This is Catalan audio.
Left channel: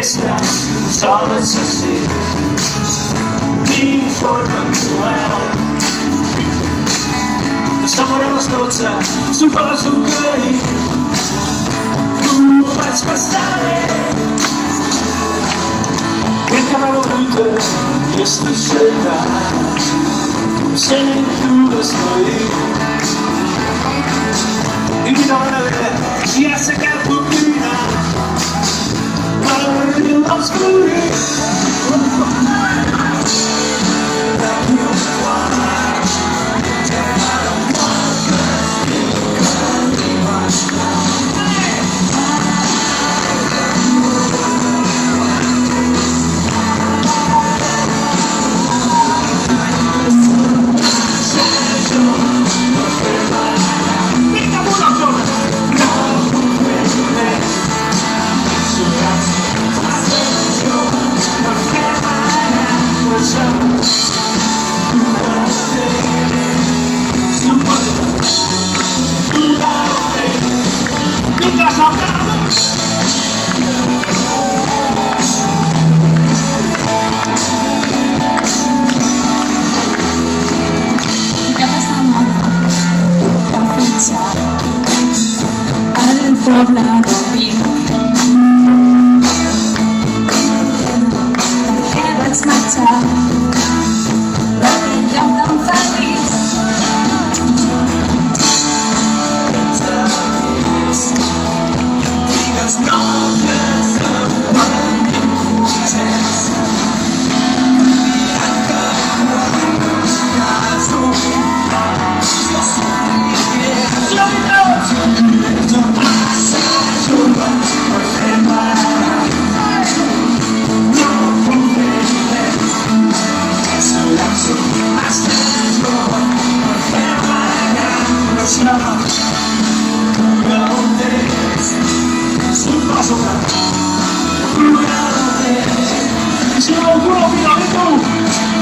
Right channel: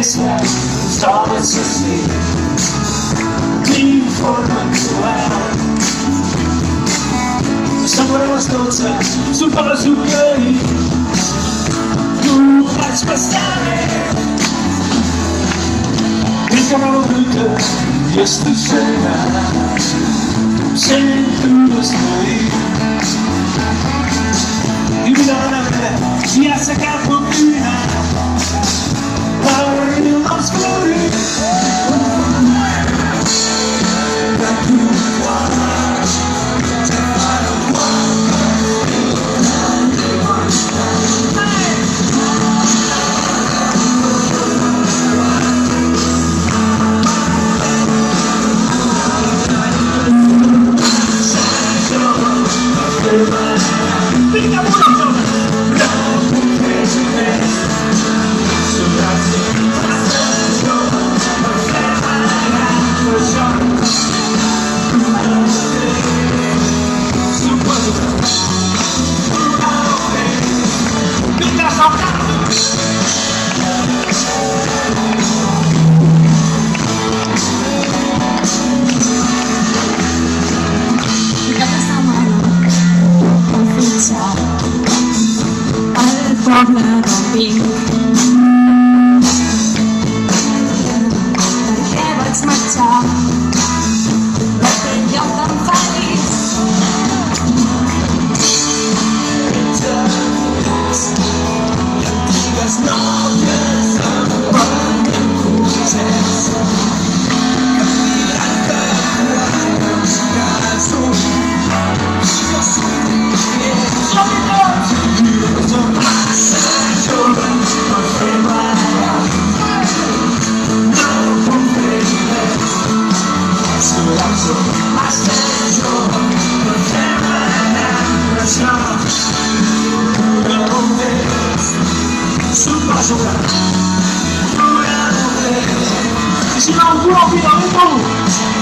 fiesta stava così di formazione sapore una strozza sul palo zuccheri tu facci passare che parlavo brutto che stasera sempre lo stai di donna si è secca putina power in l'oscuri da più Problem being what's my time? Si no, un po'